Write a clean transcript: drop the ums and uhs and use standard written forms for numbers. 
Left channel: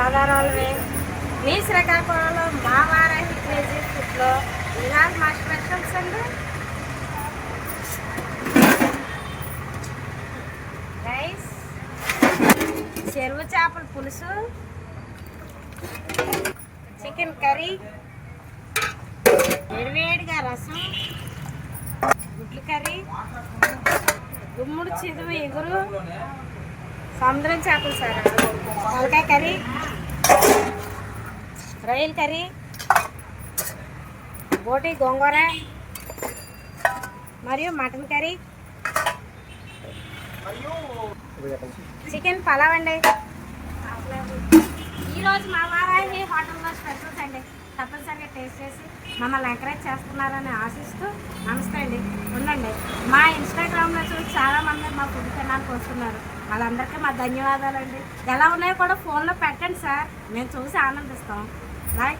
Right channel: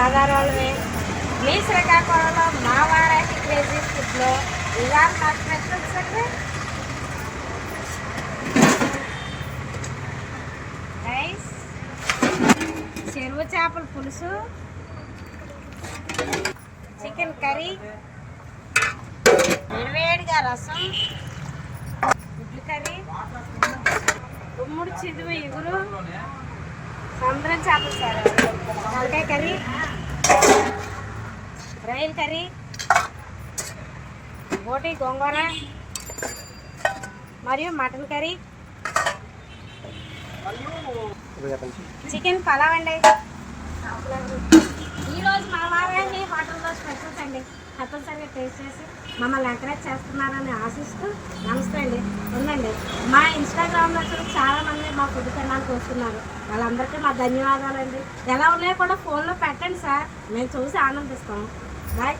గోదావరి మీ శ్రీకాకుళంలో మా వారాహి క్రేజీ ఫుడ్లో ఇవాళ మా స్పెషల్స్ అండి రైస్, చెరువు చేపల పులుసు, చికెన్ కర్రీ, వేడివేడిగా రసం, గుడ్లు కర్రీ, గుమ్ముడు చిదువు ఇగురు, సముద్రం చేపలు సార్, తలకాయ కర్రీ, రొయ్యల కర్రీ, బోటి గోంగూర మరియు మటన్ కర్రీ, చికెన్ పలావ్ అండి. ఈరోజు మా వారాన్ని హోటల్లో స్పెషల్స్ అండి. తప్పనిసరిగా టేస్ట్ చేసి మమ్మల్ని ఎంకరేజ్ చేస్తున్నారని ఆశిస్తూ నమస్తే అండి. ఉండండి, మా ఇన్స్టాగ్రామ్లో చూసి చాలామంది మా ఫుడ్ తినడానికి వస్తున్నారు. వాళ్ళందరికీ మా ధన్యవాదాలు అండి. ఎలా ఉన్నాయో కూడా ఫోన్లో పెట్టండి సార్, మేము చూసి ఆనందిస్తాం. బాయ్.